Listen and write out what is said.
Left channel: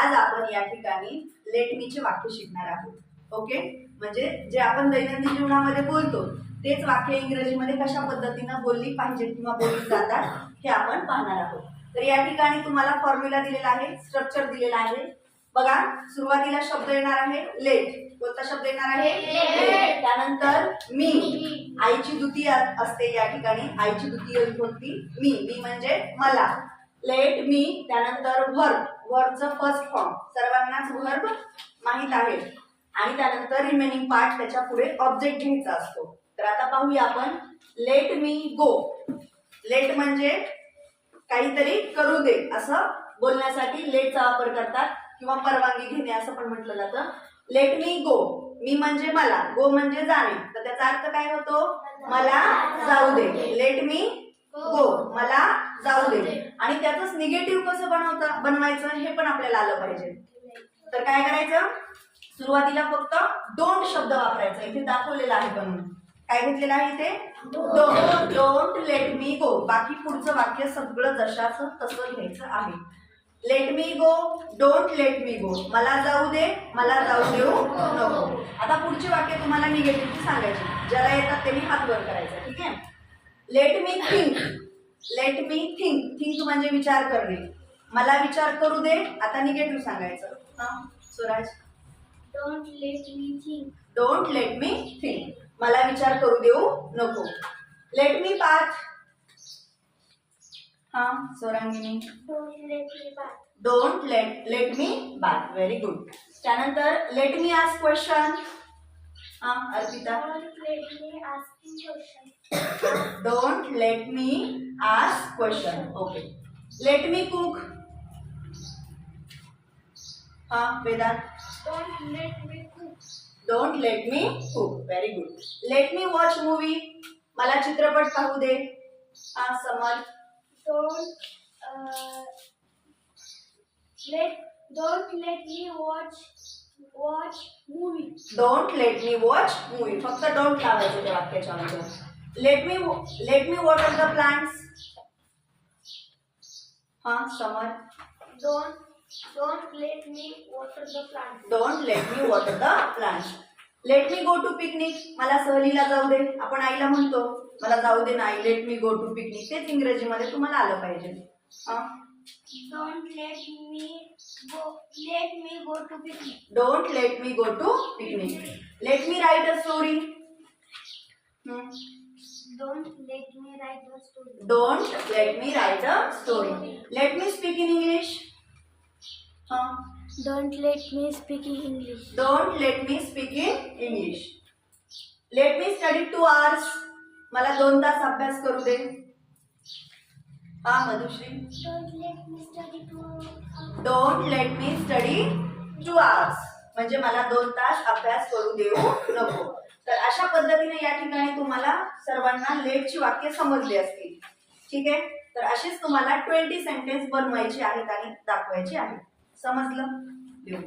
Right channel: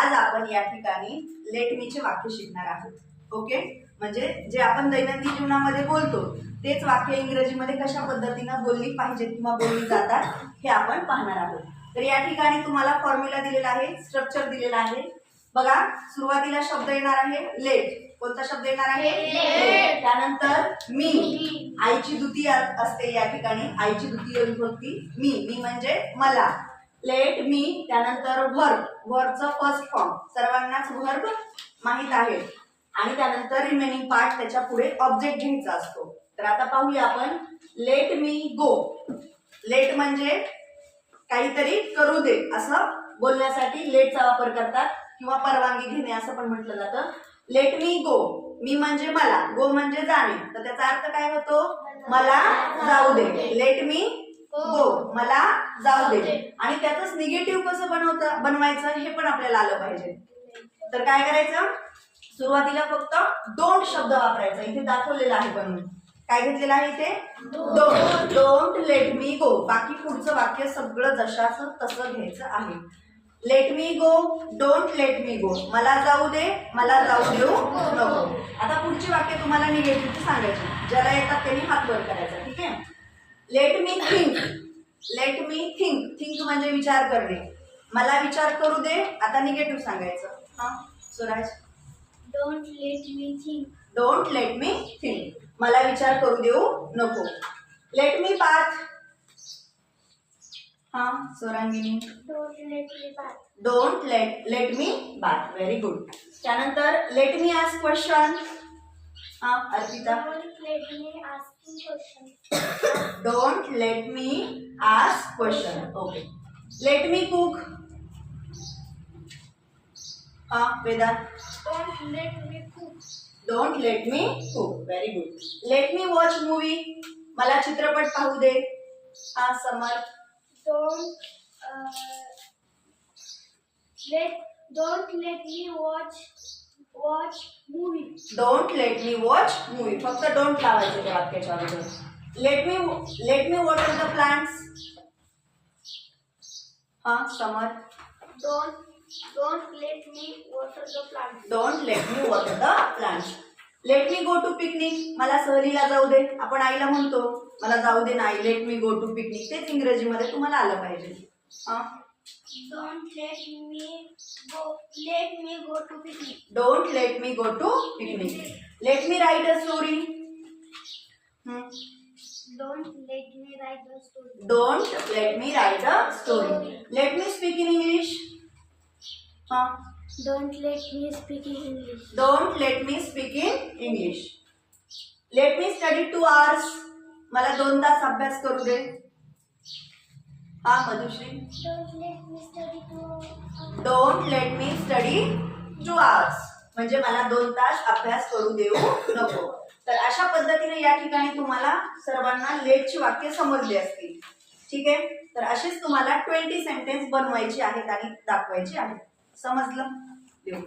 आज आपण या ठिकाणी लेट मीचे वाक्य शिकणार आहोत. ओके म्हणजे जे आपण दैनंदिन जीवनामध्ये बोलतो तेच वाक्य इंग्रजीमध्ये कशा पद्धतीनं बोलली पाहिजेत किंवा बोलली जातात हे आपण पाहणार आहोत. तर या ठिकाणी तुम्हाला फॉर्म्युला दिलेला आहे स्ट्रक्चर दिलेला आहे. बघा सुरुवातीला शब्द येणार आहे लेट कोणता शब्द येणार आहे. त्यानंतर मी आईची द्वितीय असते या ठिकाणी. आईची द्वितीय विभक्ती मी. मी म्हणजे मला. लेट मी त्यानंतर व्हर्ब व्हर्बचं फर्स्ट फॉर्म सर्वांनाच व्हर्ब माहीत आहे. आणि त्यानंतर रिमेनिंग पार्ट त्याच्या पुढे ऑब्जेक्ट घ्यायचा असतो. तर आता पाहूया आपण. लेट मी गो लेट म्हणजे काहीतरी करू दे असं बोलण्यासाठी लेटचा वापर करतात किंवा परवानगी घेणे असं पण म्हटलं जातं. लेट मी गो मी म्हणजे मला. गो म्हणजे जाणे. तर त्याचा अर्थ काय होतो? मला जाऊ दे. लेट मी गो मला जाऊ दे. आणि त्यातच निगेटिव्ह कसं बनवतं बनवायचं हे पण आपल्याला आलं पाहिजे. तर काय करायचं? सुरुवातीला फक्त डोंट शब्द वापरायचा. इथे दाखवलेला आहे बनवून काय घेतलेलं आहे इथे? Don't don't let me go बाकी पुढचं वाक्य सगळं जशाचं तसं घ्यायचं आहे. Let me go don't let me go मला जाऊ दे मला जाऊ देऊ नको. आता पुढचे वाक्य तुम्हाला निगेटिव्ह सांगायचे. ज्याला येतात त्यांनी हात वर करायचा. ठीक आहे? Let me think let me think think म्हणजे विचार करणे. मला विचार करू दे आता निगेटिव्ह सांगायचं. हा Swaraj? Don't let me think. Don't let me think मला विचार करू देऊ नको. लेट मी पाथ हा Don't let me bath. Don't let let me bath very good त्यानंतर लेट मी आस्क क्वेश्चन हा Arpita? Don't let me asking question. Don't let me ask question okay let me cook हा Vedant Don't let me cook. Don't let me cook very good let me watch movie मला चित्रपट पाहू दे. हा Samar Don't uh, let don't let me watch watch movie. Don't let me watch movie फक्त don't लावायचे त्या वाक्याच्या अगोदर let me let me water the plants हा Samar Don't don't let me water the plant. Don't let me water the plants let me go to picnic मला सहलीला जाऊ दे. आपण आईला म्हणतो मला जाऊ दे नाही let me go to picnic तेच इंग्रजीमध्ये तुम्हाला आलं पाहिजे. हा Don't let me go. Let me go to picnic. Don't let me go to picnic let me write a story don't let me write a story let me speak in English हा Don't let me speak in English. Don't let me speak in English let me study two hours मला दोन तास अभ्यास करू दे. हा Madhushree. Don't let me study two hours म्हणजे मला दोन तास अभ्यास करू देऊ नको. तर अशा पद्धतीने या ठिकाणी तुम्हाला सर्वांना लेटची वाक्य समजली असतील. ठीक आहे? तर असेच तुम्हाला ट्वेंटी सेंटेन्स बनवायचे आहेत आणि दाखवायचे आहेत. समजलं? देऊ